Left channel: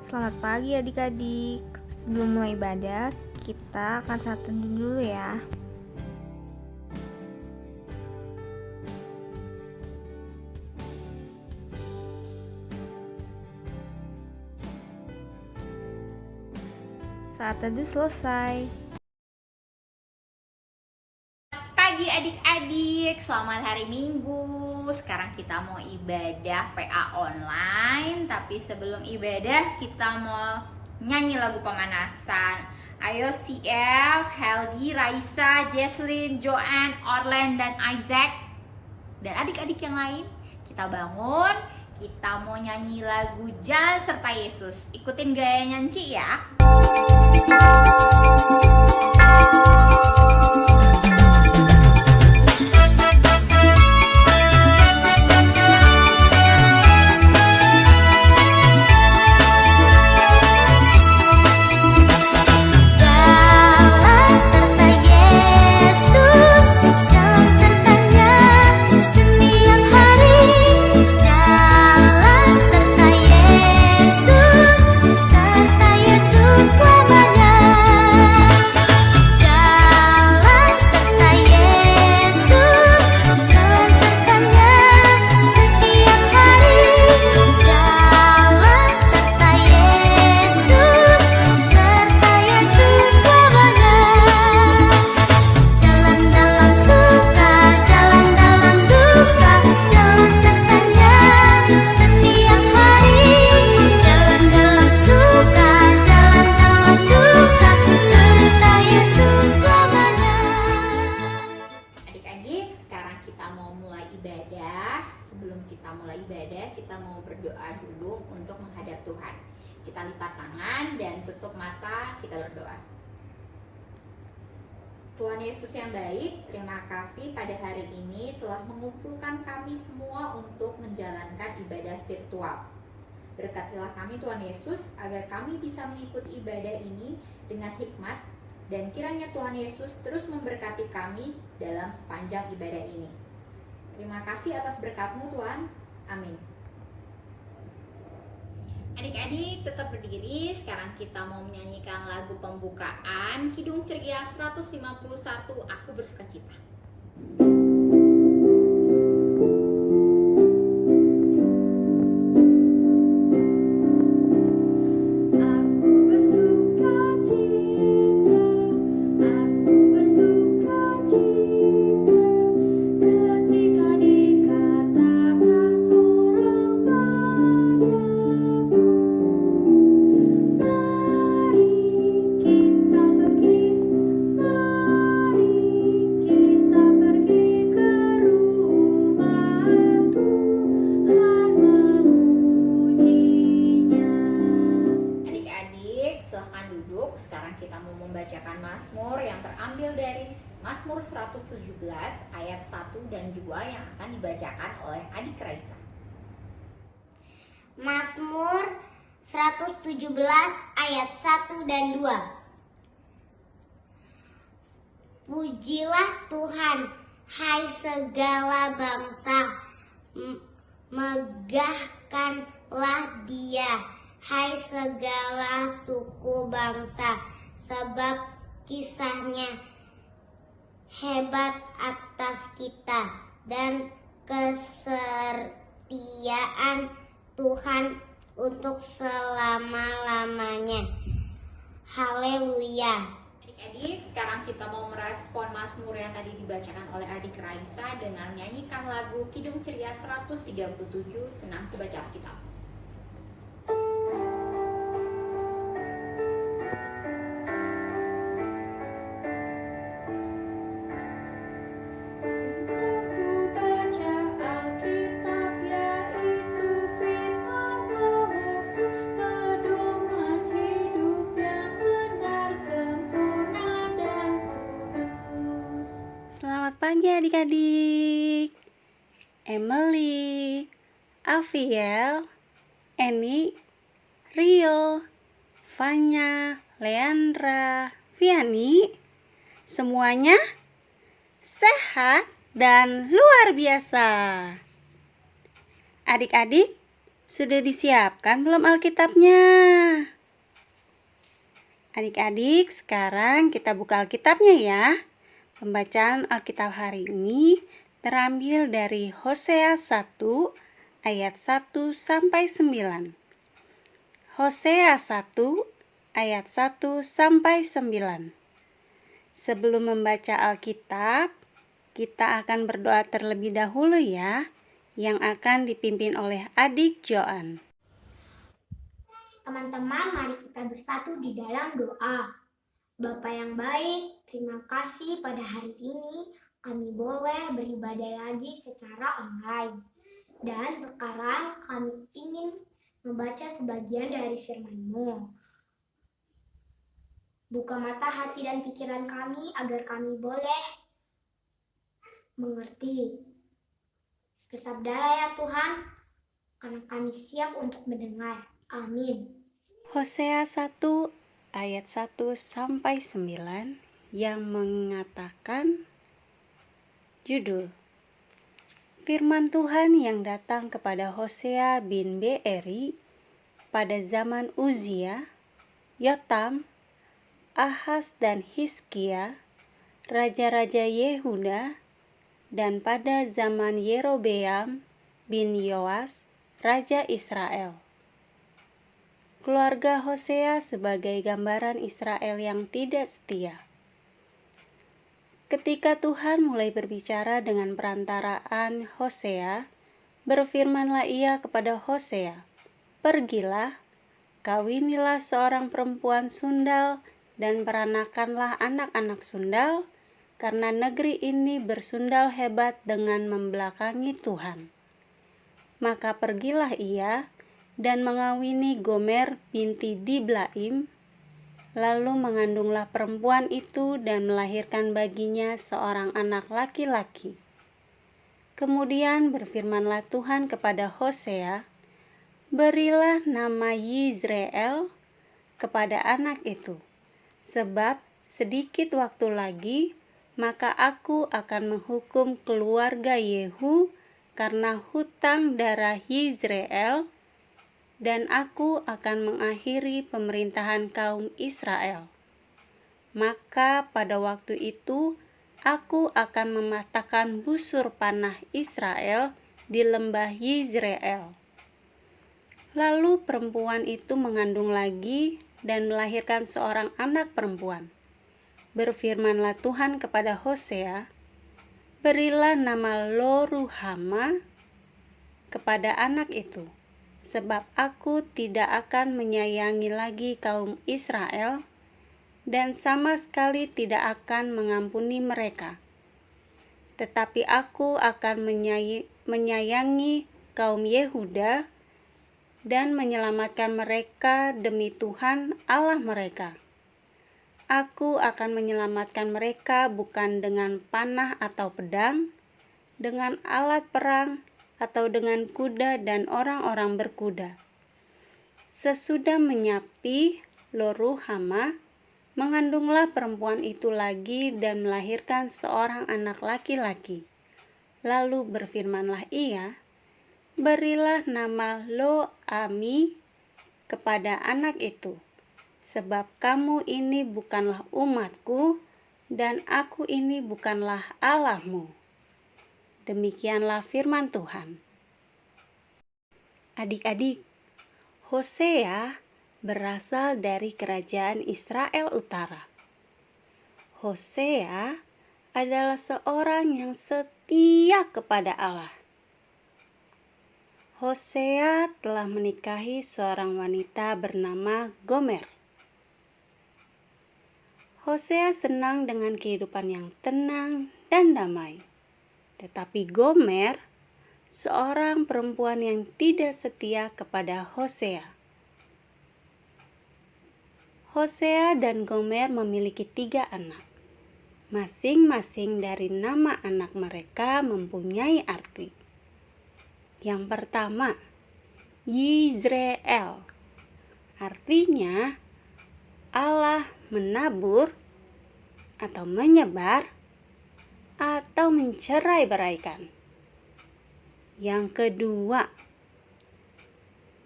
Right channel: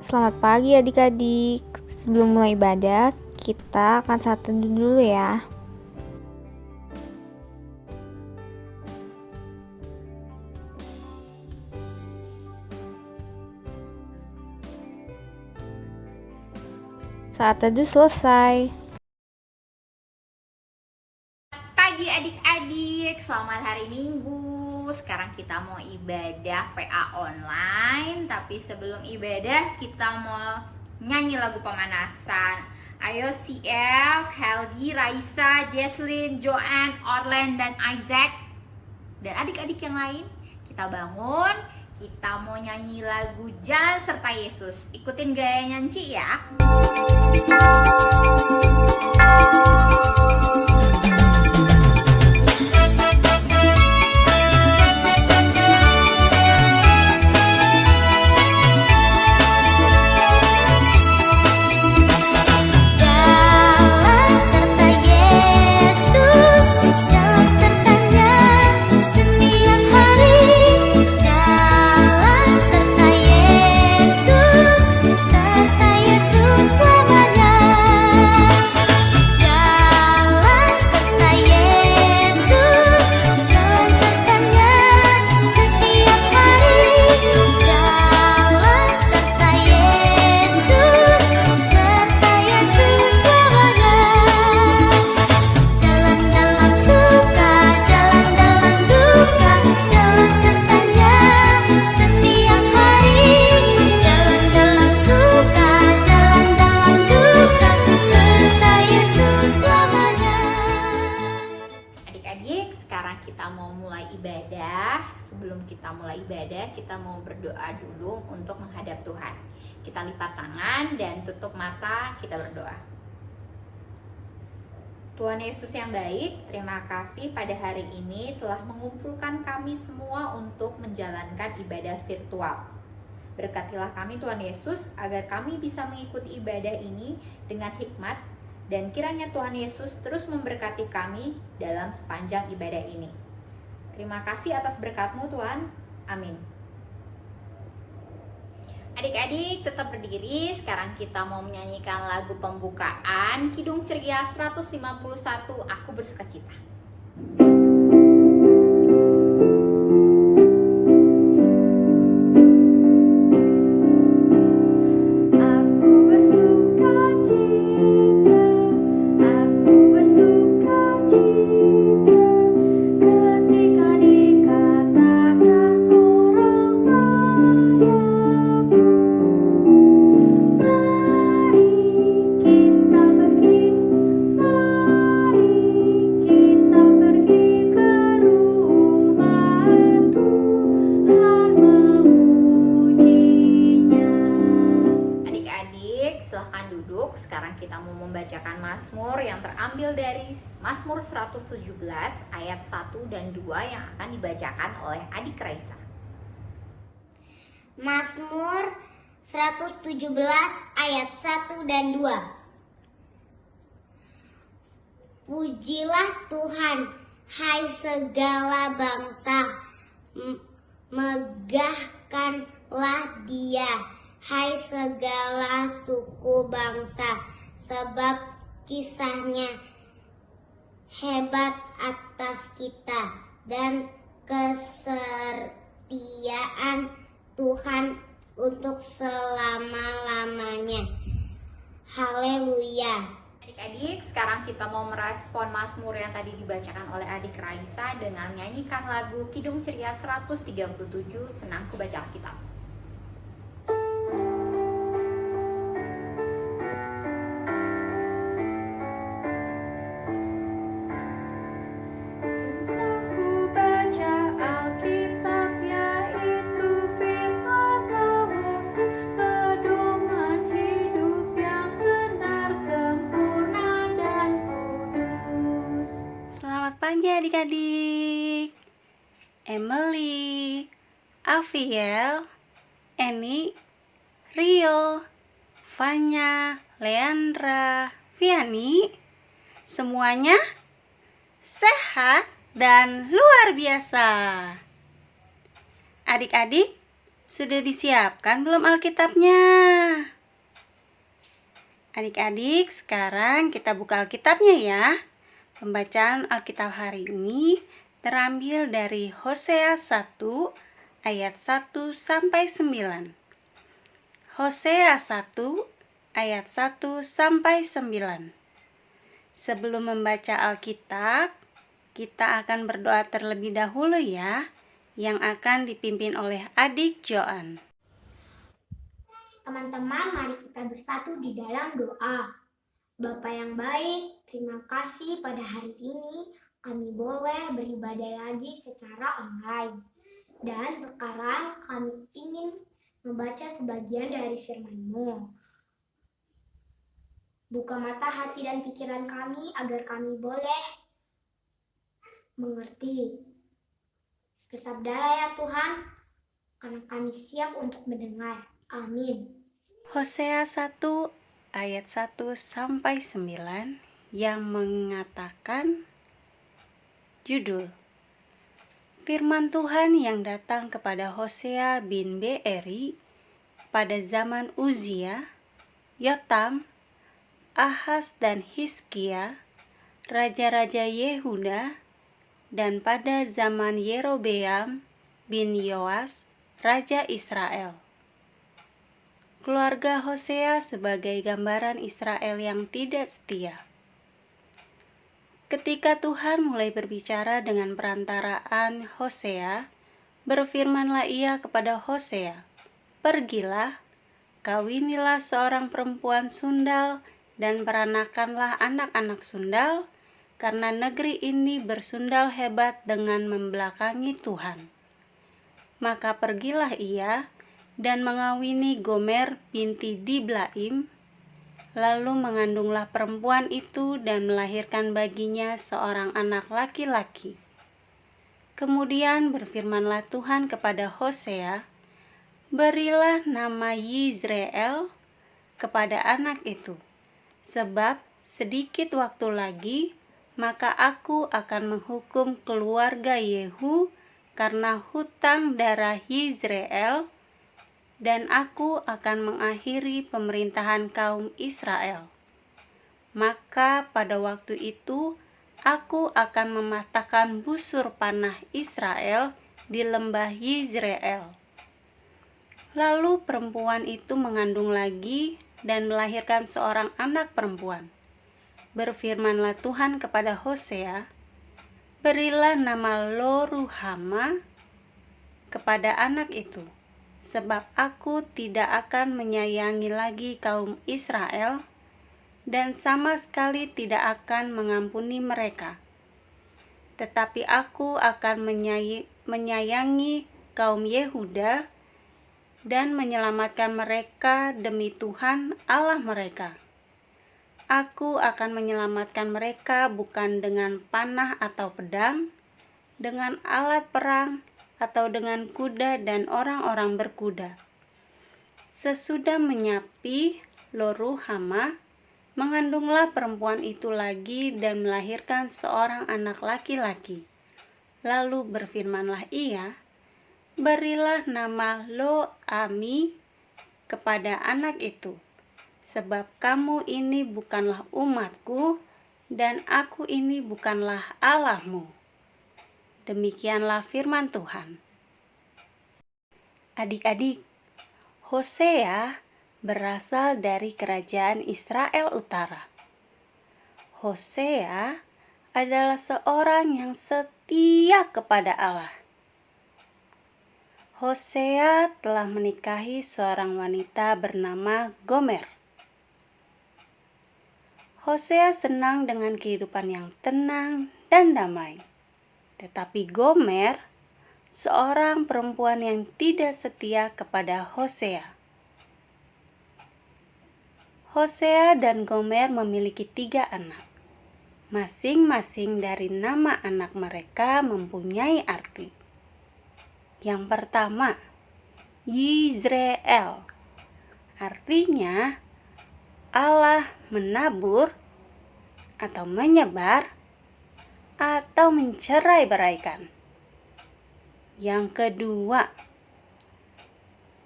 Selamat pagi adik-adik. Sebelum mulai ibadah, kita akan saat teduh dulu ya. Saat teduh selesai. Pagi adik-adik, selamat hari Minggu. Sekarang kita mau ibadah PA online. Tapi sebelum ibadah kita mau nyanyi lagu pemanasan. Ayo CF, Helgi, Raisa, Jesslyn, Joanne, Orlen, dan Isaac, dan adik-adik yang lain, kita bangun. Kita mau nyanyi lagu Jalan Serta Yesus. Ikutin gaya nyanyi ya. Sebelum kita mulai ibadah, kita mau berdoa dulu untuk menghadap Tuhan. Kita lipat tangan dan tutup mata, kita berdoa. Tuhan Yesus yang baik, terima kasih pada hari ini telah mengumpulkan kami semua untuk menjalankan ibadah virtual. Berkatilah kami Tuhan Yesus agar kami bisa mengikuti ibadah ini dengan hikmat, dan kiranya Tuhan Yesus terus memberkati kami dalam sepanjang ibadah ini. Terima kasih atas berkat-Mu Tuhan. Amin. Adik-adik tetap berdiri. Sekarang kita mau menyanyikan lagu pembukaan Kidung Ceria 151, Aku Bersukacita. Sekarang kita mau membacakan Mazmur yang terambil dari Mazmur 117 ayat 1 dan 2 yang akan dibacakan oleh adik Raisa. Mazmur 117 ayat 1 dan 2. Pujilah Tuhan, hai segala bangsa, megahkanlah Dia, hai segala suku bangsa, sebab kisahnya hebat atas kita, dan kesetiaan Tuhan untuk selama-lamanya. Haleluya. Adik-adik, sekarang kita mau merespon Mazmur yang tadi dibacakan oleh adik Raisa dengan menyanyikan lagu Kidung Ceria 137, Senangku Baca Alkitab. Adik-adik, Emily, Aviel, Eni, Rio, Fanya, Leandra, Viani, semuanya sehat dan luar biasa. Adik-adik, Sudah disiapkan belum Alkitabnya? Adik-adik, sekarang kita buka Alkitabnya ya. Pembacaan Alkitab hari ini terambil dari Hosea 1 ayat 1 sampai 9. Hosea 1 ayat 1 sampai 9. Sebelum membaca Alkitab, kita akan berdoa terlebih dahulu ya, yang akan dipimpin oleh adik Joan. Teman-teman, mari kita bersatu di dalam doa. Bapa yang baik, terima kasih pada hari ini kami boleh beribadah lagi secara online. Dan sekarang kami ingin membaca sebagian dari firman-Mu. Buka mata hati dan pikiran kami agar kami boleh mengerti. Bersabdalah ya Tuhan, karena kami siap untuk mendengar. Amin. Hosea 1 ayat 1 sampai 9 yang mengatakan judul Firman Tuhan yang datang kepada Hosea bin Beeri pada zaman Uzia, Yotam, Ahaz dan Hizkia, raja-raja Yehuda, dan pada zaman Yerobeam bin Yoas, raja Israel. Keluarga Hosea sebagai gambaran Israel yang tidak setia. Ketika Tuhan mulai berbicara dengan perantaraan Hosea, berfirmanlah ia kepada Hosea, "Pergilah, kawinilah seorang perempuan sundal dan peranakanlah anak-anak sundal, karena negeri ini bersundal hebat dengan membelakangi Tuhan." Maka pergilah ia dan mengawini Gomer binti Diblaim, lalu mengandunglah perempuan itu dan melahirkan baginya seorang anak laki-laki. Kemudian berfirmanlah Tuhan kepada Hosea, "Berilah nama Yizreel kepada anak itu, sebab sedikit waktu lagi maka aku akan menghukum keluarga Yehu karena hutang darah Yizreel, dan aku akan mengakhiri pemerintahan kaum Israel. Maka pada waktu itu aku akan mematahkan busur panah Israel di lembah Yizreel." Lalu perempuan itu mengandung lagi dan melahirkan seorang anak perempuan. Berfirmanlah Tuhan kepada Hosea, "Berilah nama Lo-ruhama kepada anak itu, sebab aku tidak akan menyayangi lagi kaum Israel dan sama sekali tidak akan mengampuni mereka. Tetapi aku akan menyayangi kaum Yehuda dan menyelamatkan mereka demi Tuhan Allah mereka. Aku akan menyelamatkan mereka bukan dengan panah atau pedang, dengan alat perang, atau dengan kuda dan orang-orang berkuda." Sesudah menyapi Lo-ruhama, mengandunglah perempuan itu lagi dan melahirkan seorang anak laki-laki. Lalu berfirmanlah ia, "Berilah nama Lo-ami kepada anak itu, sebab kamu ini bukanlah umatku, dan aku ini bukanlah Allahmu." Demikianlah firman Tuhan. Adik-adik, Hosea berasal dari kerajaan Israel Utara. Hosea adalah seorang yang setia kepada Allah. Hosea telah menikahi seorang wanita bernama Gomer. Hosea senang dengan kehidupan yang tenang dan damai. Tetapi Gomer, seorang perempuan yang tidak setia kepada Hosea. Hosea dan Gomer memiliki 3 anak. Masing-masing dari nama anak mereka mempunyai arti. Yang pertama, Yizreel. Artinya Allah menabur atau menyebar atau mencerai-beraikan. Yang kedua,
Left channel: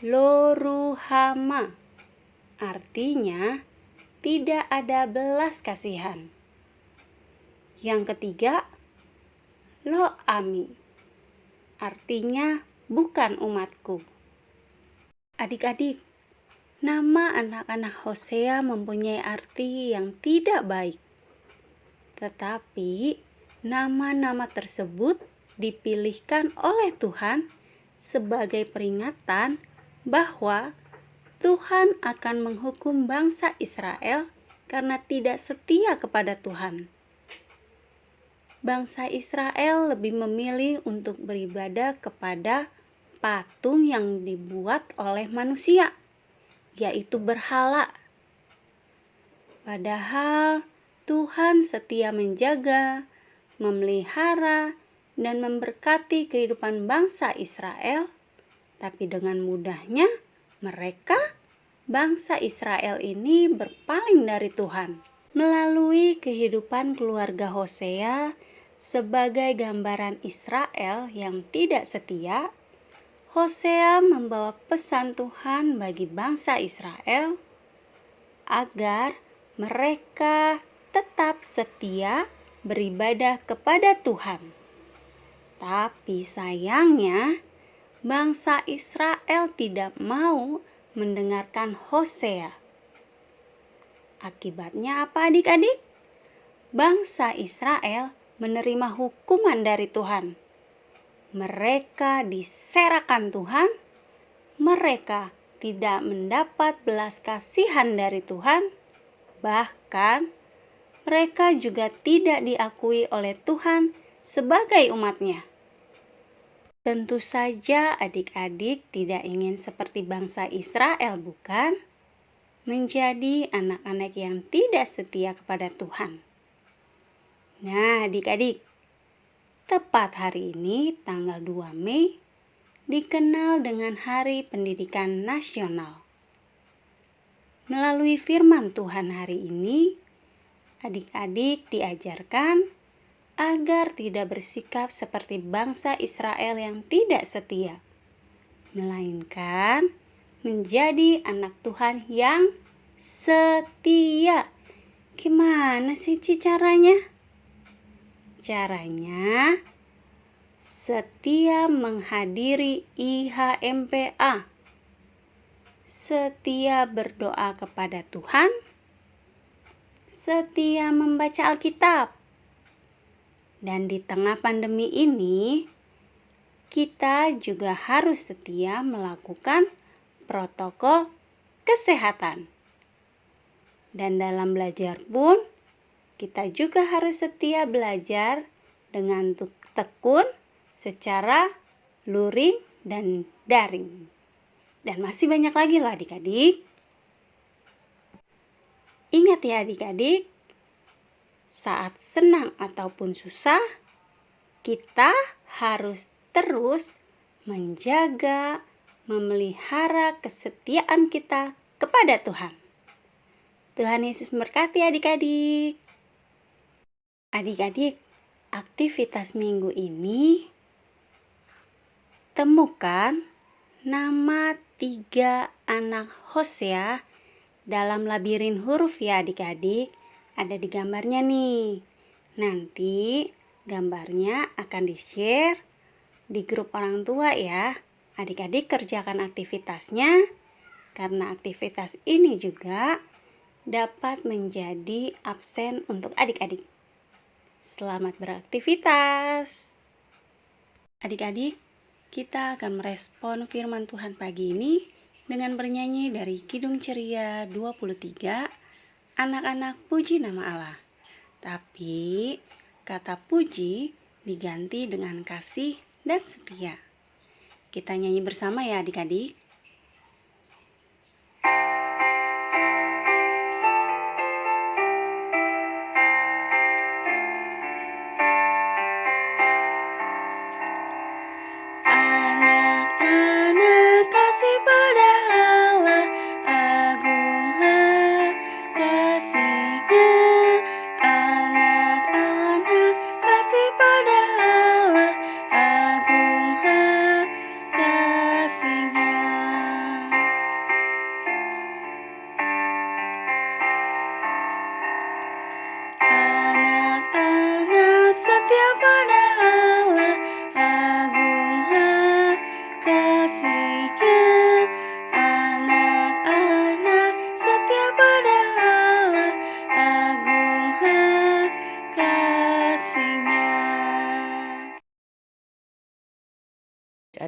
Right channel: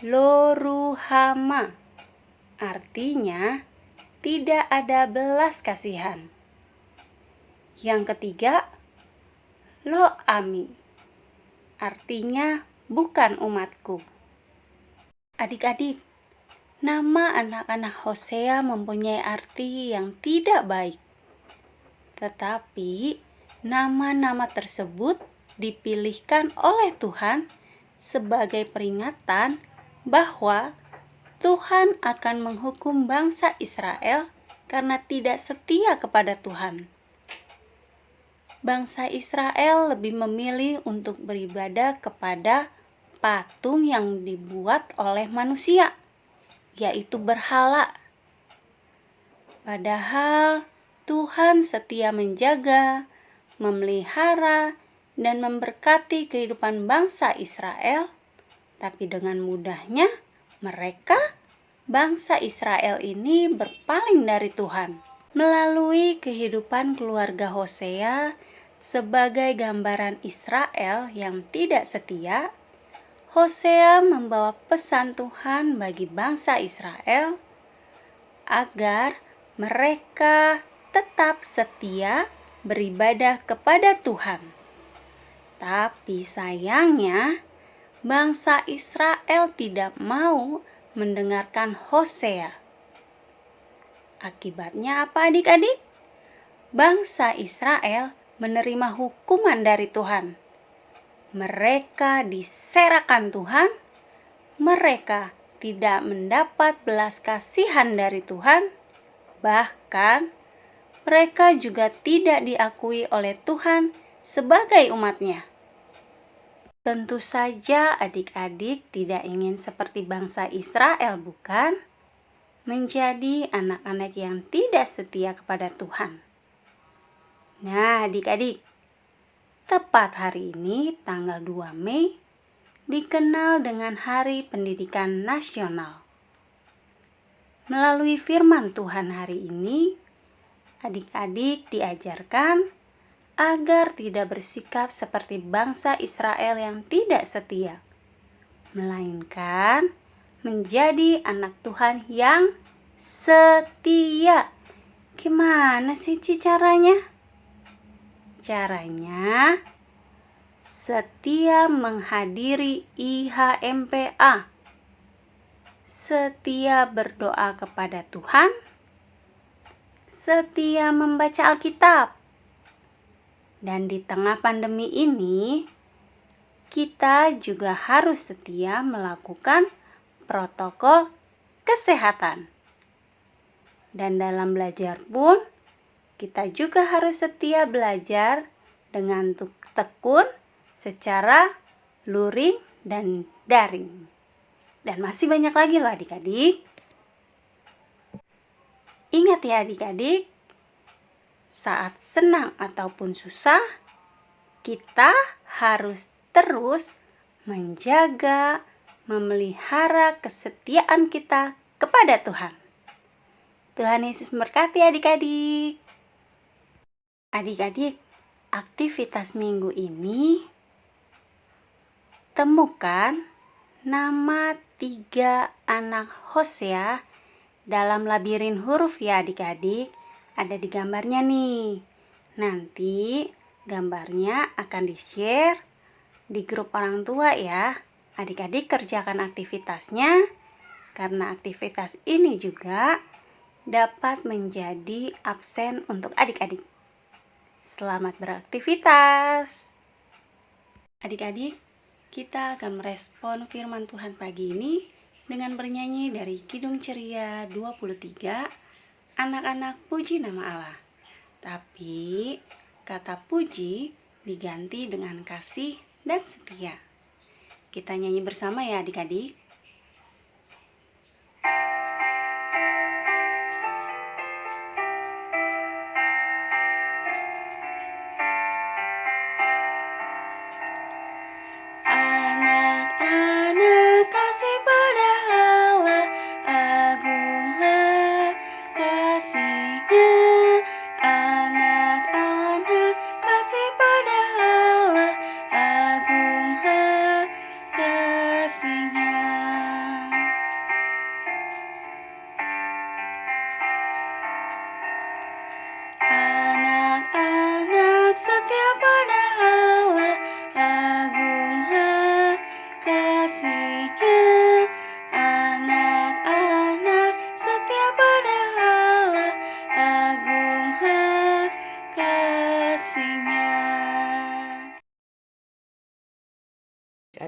Loruhama, artinya tidak ada belas kasihan. Yang ketiga, Lo-ami, artinya bukan umatku. Adik-adik, nama anak-anak Hosea mempunyai arti yang tidak baik. Tetapi nama-nama tersebut dipilihkan oleh Tuhan sebagai peringatan bahwa Tuhan akan menghukum bangsa Israel karena tidak setia kepada Tuhan. Bangsa Israel lebih memilih untuk beribadah kepada patung yang dibuat oleh manusia, yaitu berhala. Padahal Tuhan setia menjaga, memelihara, dan memberkati kehidupan bangsa Israel, tapi dengan mudahnya mereka, bangsa Israel ini berpaling dari Tuhan. Melalui kehidupan keluarga Hosea sebagai gambaran Israel yang tidak setia, Hosea membawa pesan Tuhan bagi bangsa Israel agar mereka tetap setia beribadah kepada Tuhan. Tapi sayangnya, bangsa Israel tidak mau mendengarkan Hosea. Akibatnya apa adik-adik? Bangsa Israel menerima hukuman dari Tuhan. Mereka diserakan Tuhan. Mereka tidak mendapat belas kasihan dari Tuhan. Bahkan mereka juga tidak diakui oleh Tuhan sebagai umatnya. Tentu saja adik-adik tidak ingin seperti bangsa Israel, bukan? Menjadi anak-anak yang tidak setia kepada Tuhan. Nah, adik-adik, tepat hari ini tanggal 2 Mei dikenal dengan Hari Pendidikan Nasional. Melalui firman Tuhan hari ini, adik-adik diajarkan agar tidak bersikap seperti bangsa Israel yang tidak setia, melainkan menjadi anak Tuhan yang setia. Gimana sih caranya? Caranya setia menghadiri IHMPA, setia berdoa kepada Tuhan, setia membaca Alkitab. Dan di tengah pandemi ini, kita juga harus setia melakukan protokol kesehatan. Dan dalam belajar pun, kita juga harus setia belajar dengan tekun secara luring dan daring. Dan masih banyak lagi loh adik-adik. Ingat ya adik-adik, saat senang ataupun susah, kita harus terus menjaga, memelihara kesetiaan kita kepada Tuhan. Tuhan Yesus memberkati adik-adik. Adik-adik, aktivitas minggu ini temukan nama 3 anak Hosea dalam labirin huruf ya adik-adik. Ada di gambarnya nih. Nanti gambarnya akan di-share di grup orang tua ya. Adik-adik kerjakan aktivitasnya, karena aktivitas ini juga dapat menjadi absen untuk adik-adik. Selamat beraktivitas. Adik-adik, kita akan merespon firman Tuhan pagi ini dengan bernyanyi dari Kidung Ceria 23, Anak-anak Puji Nama Allah. Tapi kata puji diganti dengan kasih dan setia. Kita nyanyi bersama ya adik-adik. Anak-anak kasih pada Allah, agunglah kasih-Nya. Anak-anak kasih pada Allah, agunglah kasih-Nya.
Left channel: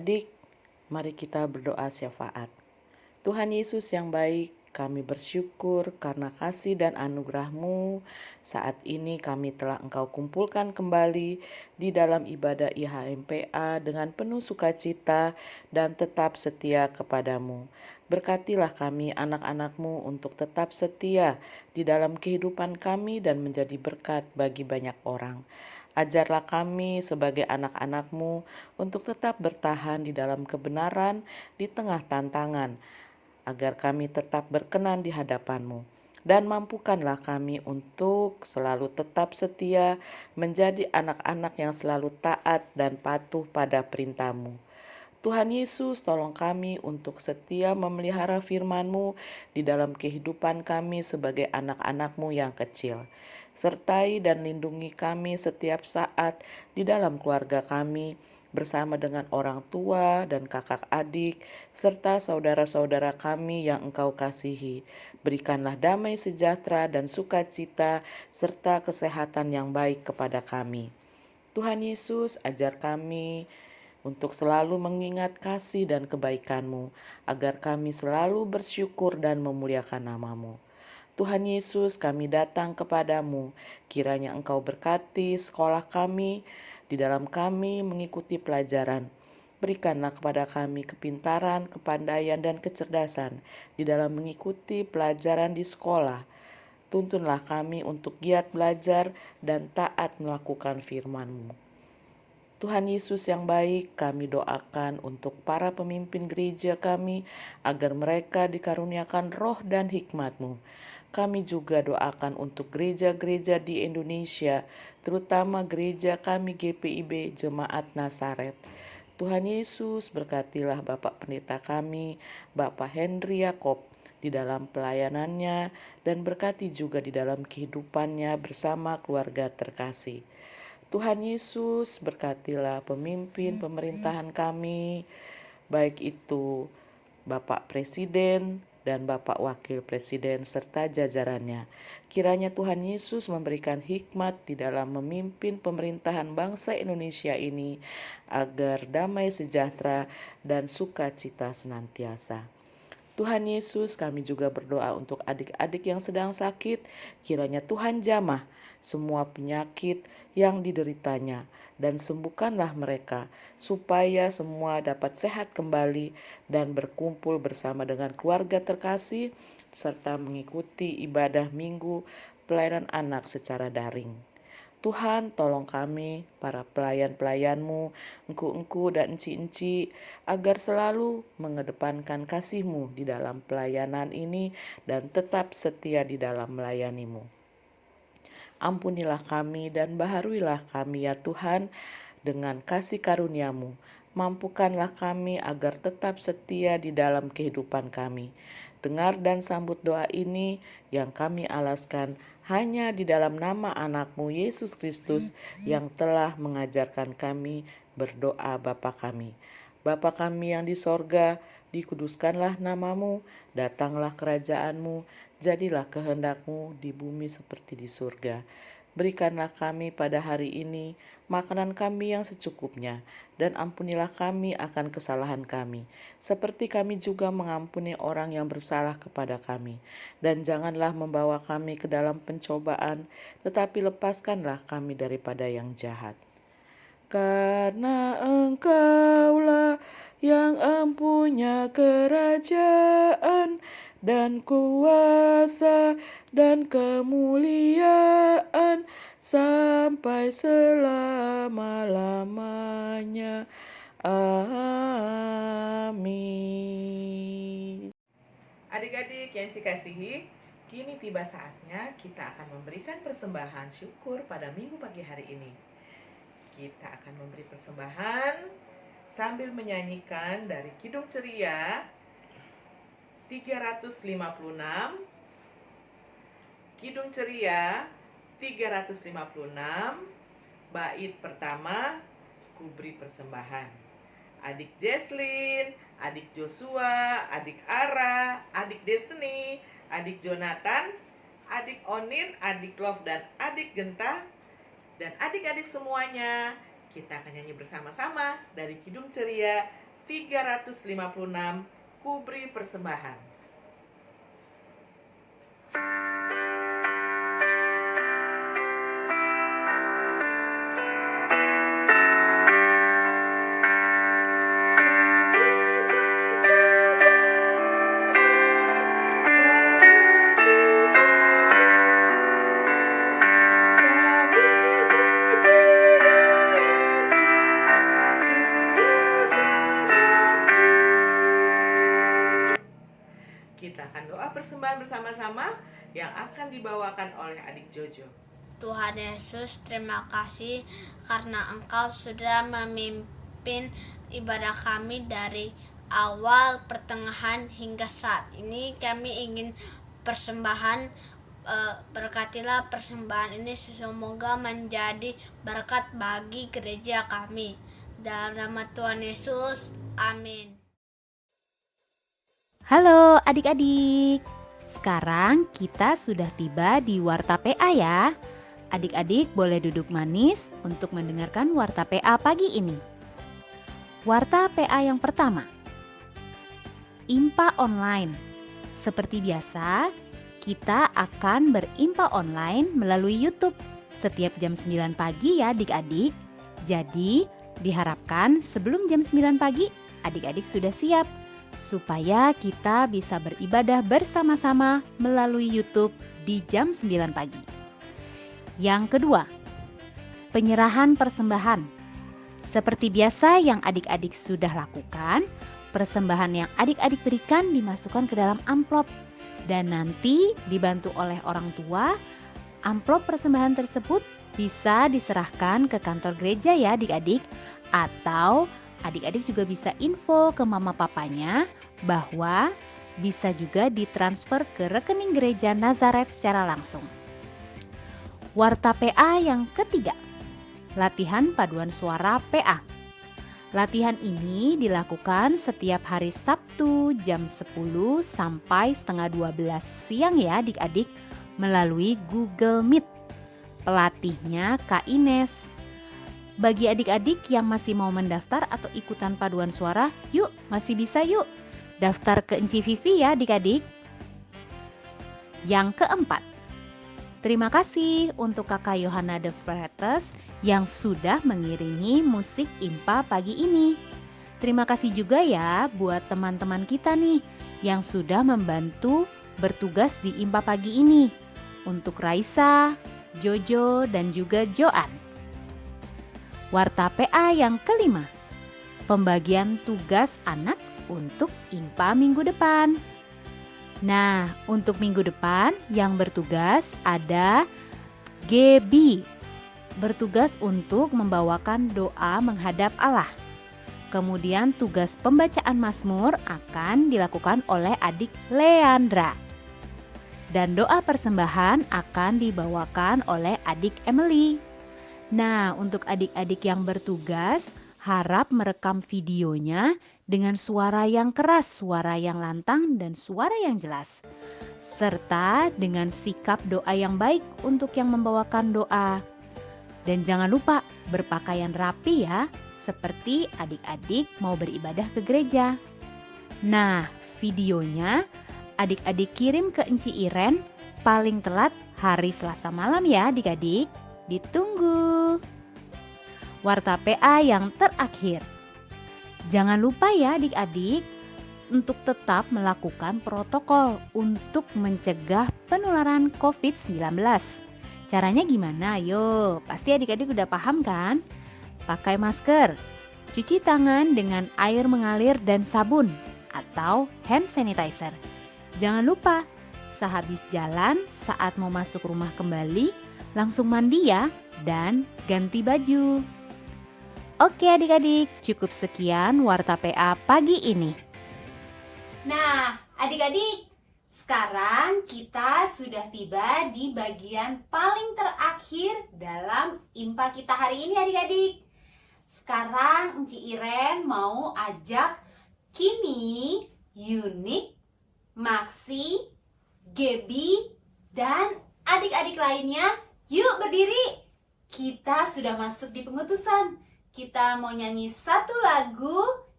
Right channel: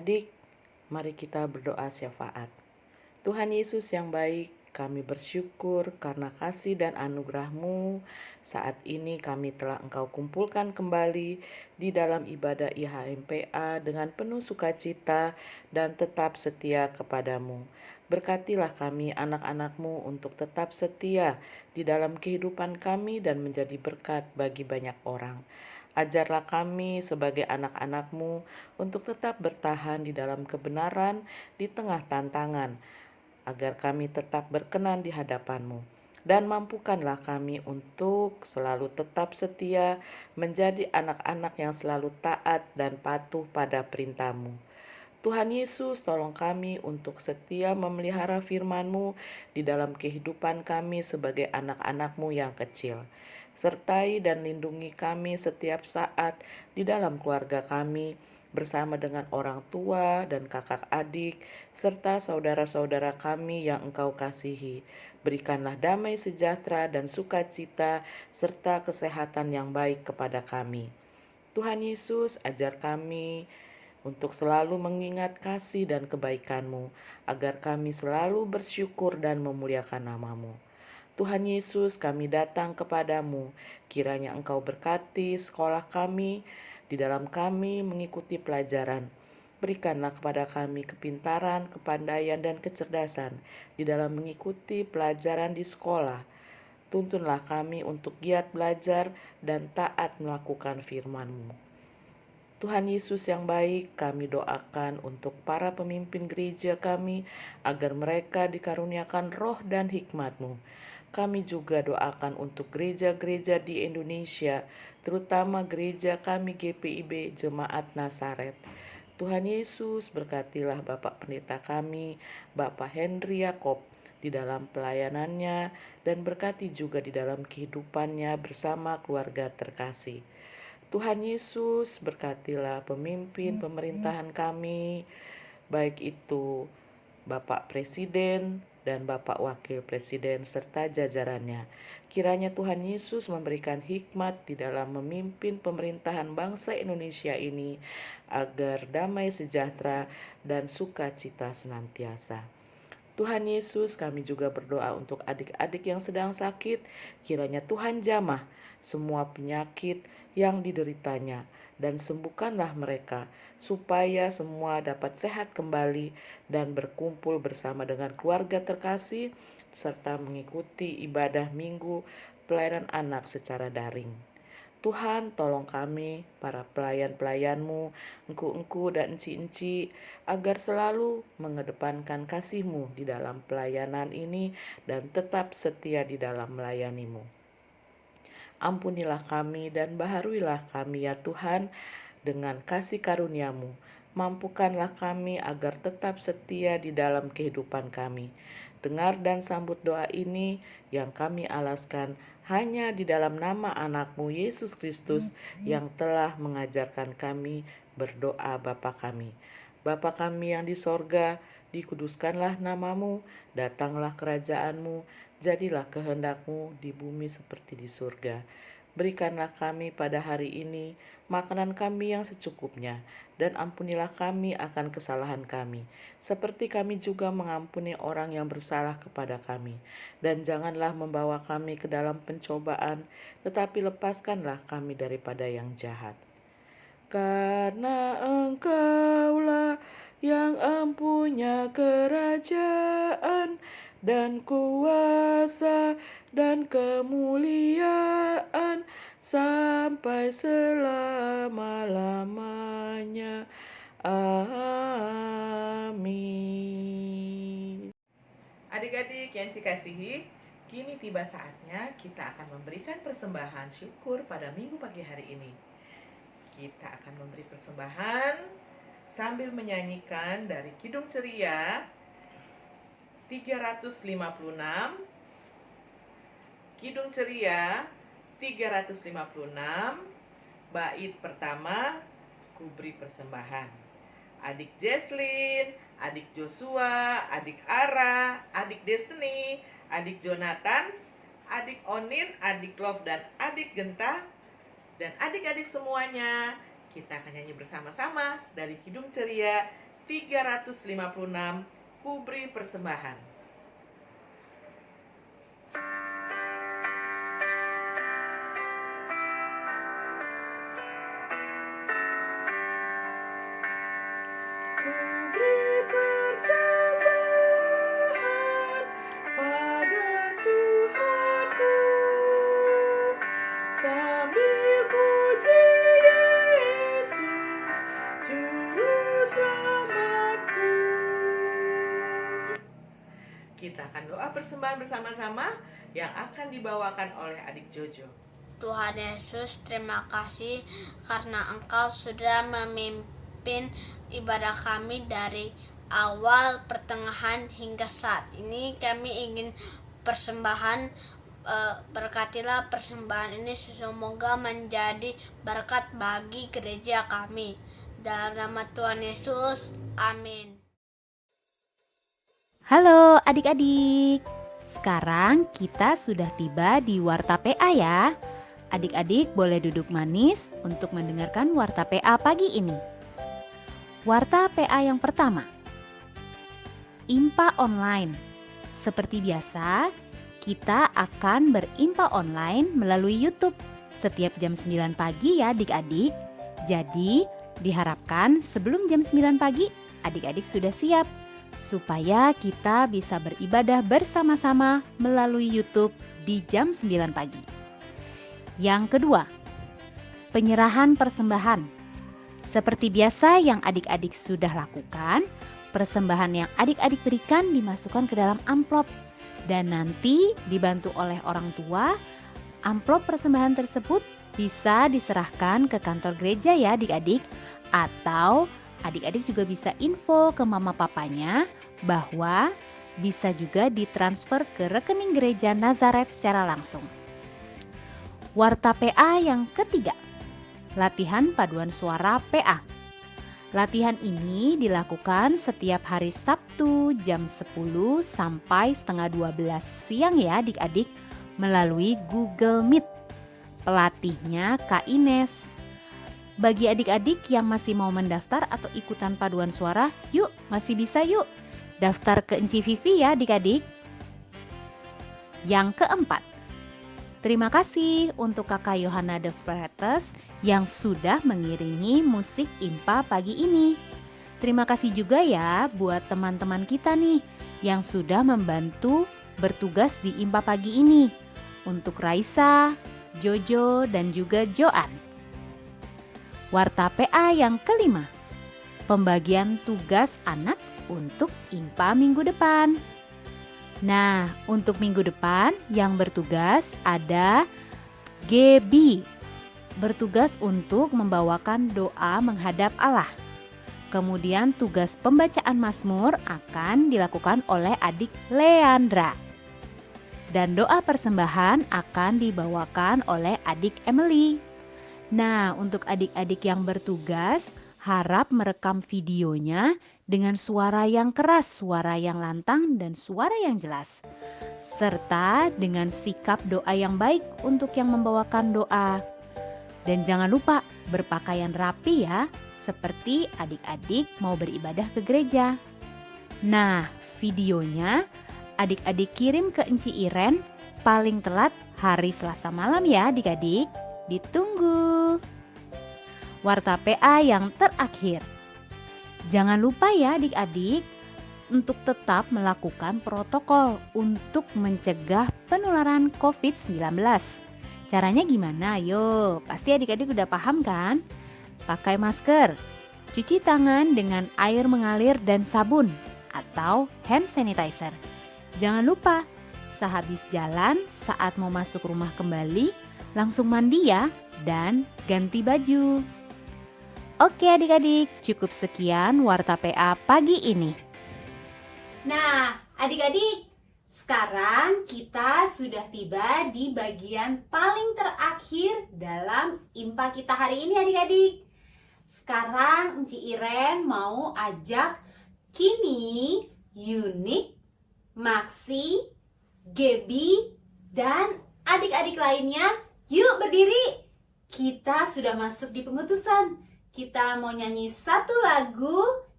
Adik-adik, mari kita berdoa syafaat. Tuhan Yesus yang baik, kami bersyukur karena kasih dan anugerah-Mu. Saat ini kami telah Engkau kumpulkan kembali di dalam ibadah IHMPA dengan penuh sukacita dan tetap setia kepadamu. Berkatilah kami anak-anak-Mu untuk tetap setia di dalam kehidupan kami dan menjadi berkat bagi banyak orang. Ajarlah kami sebagai anak-anak-Mu untuk tetap bertahan di dalam kebenaran di tengah tantangan, agar kami tetap berkenan di hadapan-Mu. Dan mampukanlah kami untuk selalu tetap setia menjadi anak-anak yang selalu taat dan patuh pada perintah-Mu. Tuhan Yesus, tolong kami untuk setia memelihara firman-Mu di dalam kehidupan kami sebagai anak-anak-Mu yang kecil. Sertai dan lindungi kami setiap saat di dalam keluarga kami, bersama dengan orang tua dan kakak adik, serta saudara-saudara kami yang Engkau kasihi. Berikanlah damai sejahtera dan sukacita, serta kesehatan yang baik kepada kami. Tuhan Yesus, ajar kami untuk selalu mengingat kasih dan kebaikan-Mu, agar kami selalu bersyukur dan memuliakan nama-Mu. Tuhan Yesus, kami datang kepadamu, kiranya Engkau berkati sekolah kami, di dalam kami mengikuti pelajaran. Berikanlah kepada kami kepintaran, kepandaian, dan kecerdasan di dalam mengikuti pelajaran di sekolah. Tuntunlah kami untuk giat belajar dan taat melakukan firman-Mu. Tuhan Yesus yang baik, kami doakan untuk para pemimpin gereja kami, agar mereka dikaruniakan roh dan hikmat-Mu. Kami juga doakan untuk gereja-gereja di Indonesia, terutama gereja kami GPIB Jemaat Nazaret. Tuhan Yesus, berkatilah Bapak Pendeta kami, Bapak Henry Yakob, di dalam pelayanannya, dan berkati juga di dalam kehidupannya bersama keluarga terkasih. Tuhan Yesus, berkatilah pemimpin pemerintahan kami, baik itu Bapak Presiden dan Bapak Wakil Presiden serta jajarannya. Kiranya Tuhan Yesus memberikan hikmat di dalam memimpin pemerintahan bangsa Indonesia ini, agar damai sejahtera dan sukacita senantiasa. Tuhan Yesus, kami juga berdoa untuk adik-adik yang sedang sakit. Kiranya Tuhan jamah semua penyakit yang dideritanya, dan sembuhkanlah mereka, supaya semua dapat sehat kembali dan berkumpul bersama dengan keluarga terkasih, serta mengikuti ibadah minggu pelayanan anak secara daring. Tuhan, tolong kami, para pelayan-pelayan-Mu, engku-engku dan enci-enci, agar selalu mengedepankan kasih-Mu di dalam pelayanan ini dan tetap setia di dalam melayani-Mu. Ampunilah kami dan baharuilah kami ya Tuhan, dengan kasih karunia-Mu. Mampukanlah kami agar tetap setia di dalam kehidupan kami. Dengar dan sambut doa ini yang kami alaskan hanya di dalam nama anak-Mu Yesus Kristus, yang telah mengajarkan kami berdoa Bapa kami. Bapa kami yang di sorga, dikuduskanlah nama-Mu, datanglah kerajaan-Mu, jadilah kehendak-Mu di bumi seperti di surga. Berikanlah kami pada hari ini makanan kami yang secukupnya, dan ampunilah kami akan kesalahan kami, seperti kami juga mengampuni orang yang bersalah kepada kami. Dan janganlah membawa kami ke dalam pencobaan, tetapi lepaskanlah kami daripada yang jahat. Karena Engkaulah yang empunya kerajaan dan kuasa dan kemuliaan sampai selama-lamanya. Amin. Adik-adik yang dikasihi, kini tiba saatnya kita akan memberikan persembahan syukur pada minggu pagi hari ini. Kita akan memberi persembahan sambil menyanyikan dari Kidung Ceria 356, Kidung Ceria 356, bait pertama, ku beri persembahan. Adik Jesslyn, adik Joshua, adik Ara, adik Destiny, adik Jonathan, adik Onin, adik Love, dan adik Genta, dan adik-adik semuanya, kita akan nyanyi bersama-sama dari Kidung Ceria 356 Kubri Persembahan. Kita akan doa persembahan bersama-sama yang akan dibawakan oleh adik Jojo. Tuhan Yesus, terima kasih karena Engkau sudah memimpin ibadah kami dari awal, pertengahan hingga saat ini. Kami ingin persembahan, berkatilah persembahan ini semoga menjadi berkat bagi gereja kami. Dalam nama Tuhan Yesus, amin. Halo adik-adik, sekarang kita sudah tiba di Warta PA ya. Adik-adik boleh duduk manis untuk mendengarkan Warta PA pagi ini. Warta PA yang pertama, IMPA Online. Seperti biasa, kita akan berimpa online melalui YouTube setiap jam 9 pagi ya adik-adik. Jadi, diharapkan sebelum jam 9 pagi, adik-adik sudah siap supaya kita bisa beribadah bersama-sama melalui YouTube di jam 9 pagi. Yang kedua, penyerahan persembahan. Seperti biasa yang adik-adik sudah lakukan, persembahan yang adik-adik berikan dimasukkan ke dalam amplop dan nanti dibantu oleh orang tua, amplop persembahan tersebut bisa diserahkan ke kantor gereja ya adik-adik, atau adik-adik juga bisa info ke mama papanya bahwa bisa juga ditransfer ke rekening gereja Nazaret secara langsung. Warta PA yang ketiga, latihan paduan suara PA. Latihan ini dilakukan setiap hari Sabtu jam 10 sampai setengah 12 siang ya adik-adik melalui Google Meet. Pelatihnya Kak Ines. Bagi adik-adik yang masih mau mendaftar atau ikutan paduan suara, yuk masih bisa yuk daftar ke Enci Vivi ya adik-adik. Yang keempat, terima kasih untuk Kakak Yohana de Freitas yang sudah mengiringi musik IMPA pagi ini. Terima kasih juga ya buat teman-teman kita nih yang sudah membantu bertugas di IMPA pagi ini. Untuk Raisa, Jojo, dan juga Joan. Warta PA yang kelima, pembagian tugas anak untuk IMPA minggu depan. Nah, untuk minggu depan yang bertugas ada Gebi, bertugas untuk membawakan doa menghadap Allah. Kemudian tugas pembacaan Mazmur akan dilakukan oleh adik Leandra. Dan doa persembahan akan dibawakan oleh adik Emily. Nah, untuk adik-adik yang bertugas, harap merekam videonya dengan suara yang keras, suara yang lantang, dan suara yang jelas. Serta dengan sikap doa yang baik untuk yang membawakan doa. Dan jangan lupa berpakaian rapi ya, seperti adik-adik mau beribadah ke gereja. Nah, videonya adik-adik kirim ke Enci Iren paling telat hari Selasa malam ya adik-adik. Ditunggu. Warta PA yang terakhir. Jangan lupa ya adik-adik untuk tetap melakukan protokol untuk mencegah penularan COVID-19. Caranya gimana? Ayo, pasti adik-adik udah paham kan? Pakai masker, cuci tangan dengan air mengalir dan sabun atau hand sanitizer. Jangan lupa, sehabis jalan saat mau masuk rumah kembali, langsung mandi ya dan ganti baju. Oke adik-adik, cukup sekian Warta PA pagi ini. Nah, adik-adik, sekarang kita sudah tiba di bagian paling terakhir dalam IMPA kita hari ini adik-adik. Sekarang Enci Iren mau ajak Kimi, Yunik, Maxi, Gebi, dan adik-adik lainnya. Yuk berdiri. Kita sudah masuk di pengutusan. Kita mau nyanyi satu lagu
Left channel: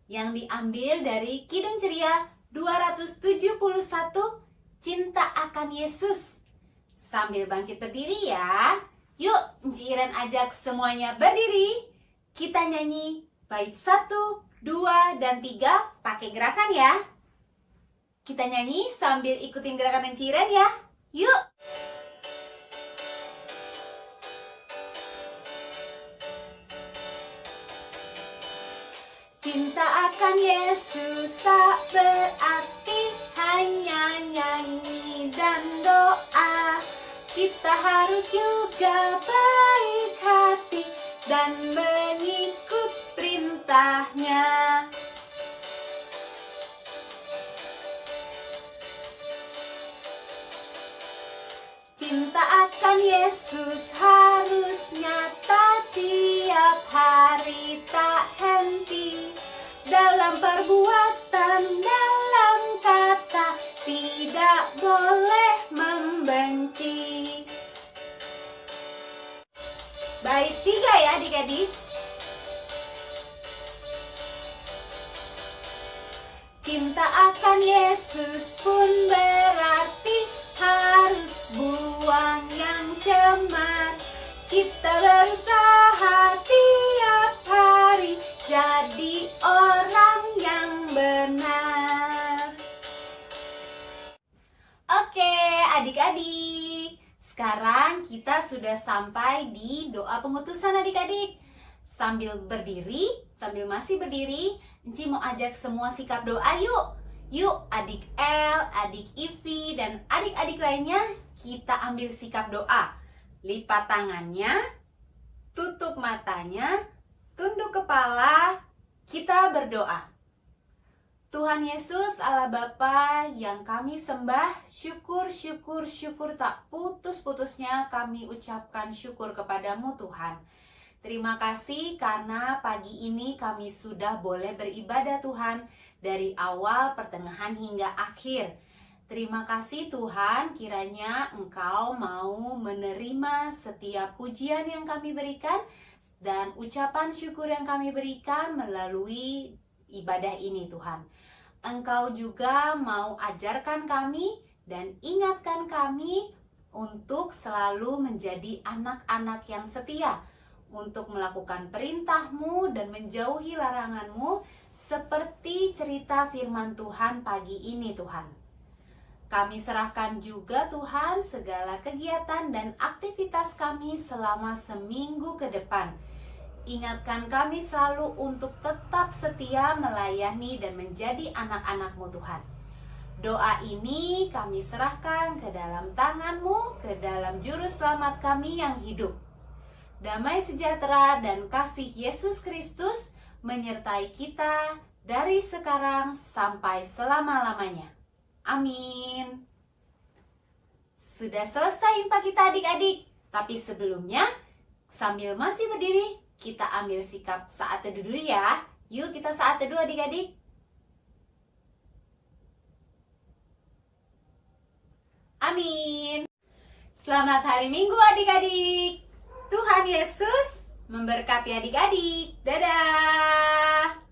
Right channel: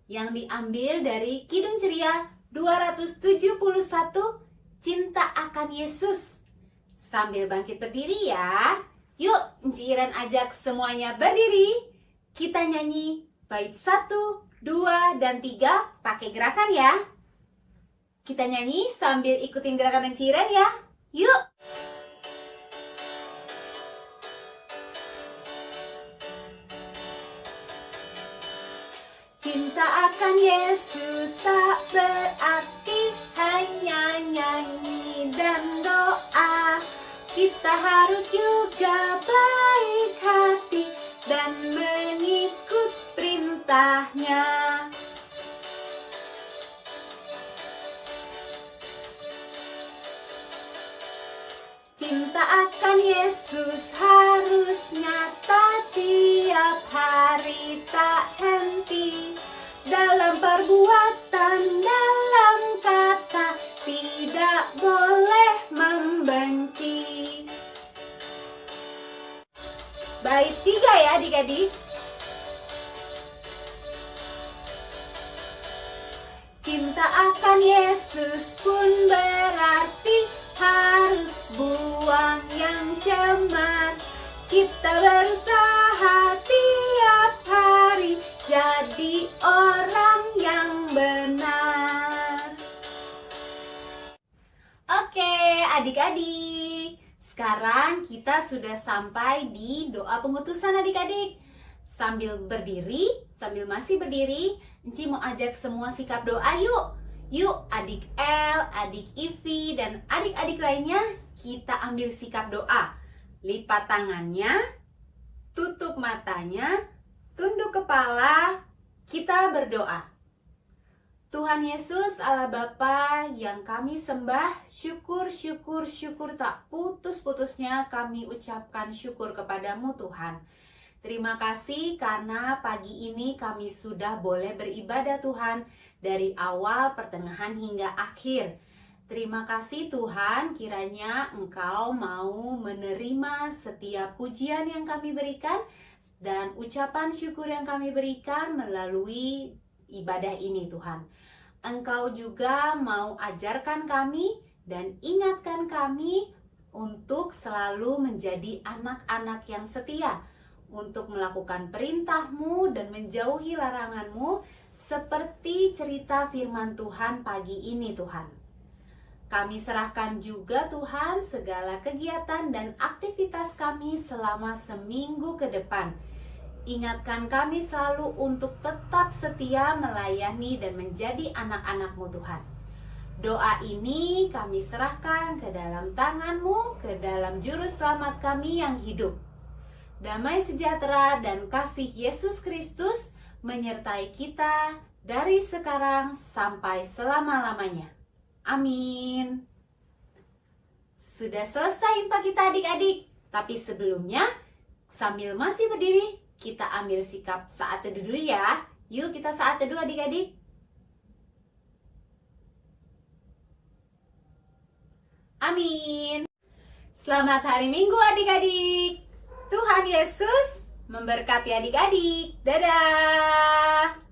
yang diambil dari Kidung Ceria 271, Cinta Akan Yesus. Sambil bangkit berdiri ya. Yuk, Enci Iren ajak semuanya berdiri. Kita nyanyi bait 1, 2, dan 3 pakai gerakan ya. Kita nyanyi sambil ikutin gerakan Enci Iren ya. Yuk. Cinta akan Yesus tak berarti hanya nyanyi dan doa. Kita harus juga baik hati dan mengikut perintahnya. Cinta akan Yesus harus nyata tiap hari, tak henti. Dalam perbuatan, dalam kata, tidak boleh membenci. Bait 3 ya adik-adik. Cinta akan Yesus pun berarti harus buang yang cemar. Kita berusaha tiap hari jadi orang yang benar. Oke, adik-adik. Sekarang kita sudah sampai di doa pengutusan adik-adik. Sambil masih berdiri, Enci mau ajak semua sikap doa yuk. Yuk adik El, adik Ivi, dan adik-adik lainnya kita ambil sikap doa. Lipat tangannya, tutup matanya, tunduk kepala, kita berdoa. Tuhan Yesus Allah Bapa yang kami sembah, syukur tak putus-putusnya kami ucapkan syukur kepadamu Tuhan. Terima kasih karena pagi ini kami sudah boleh beribadah Tuhan dari awal, pertengahan hingga akhir. Terima kasih Tuhan, kiranya Engkau mau menerima setiap pujian yang kami berikan dan ucapan syukur yang kami berikan melalui ibadah ini Tuhan. Engkau juga mau ajarkan kami dan ingatkan kami untuk selalu menjadi anak-anak yang setia, untuk melakukan perintah-Mu dan menjauhi larangan-Mu seperti cerita firman Tuhan pagi ini Tuhan. Kami serahkan juga Tuhan segala kegiatan dan aktivitas kami selama seminggu ke depan. Ingatkan kami selalu untuk tetap setia melayani dan menjadi anak-anak-Mu Tuhan. Doa ini kami serahkan ke dalam tangan-Mu, ke dalam juru selamat kami yang hidup. Damai sejahtera dan kasih Yesus Kristus menyertai kita dari sekarang sampai selama-lamanya. Amin. Sudah selesai Impa kita adik-adik. Tapi sebelumnya, sambil masih berdiri, kita ambil sikap saat teduh dulu ya. Yuk kita saat teduh adik-adik. Amin. Selamat hari Minggu adik-adik. Tuhan Yesus memberkati adik-adik. Dadah.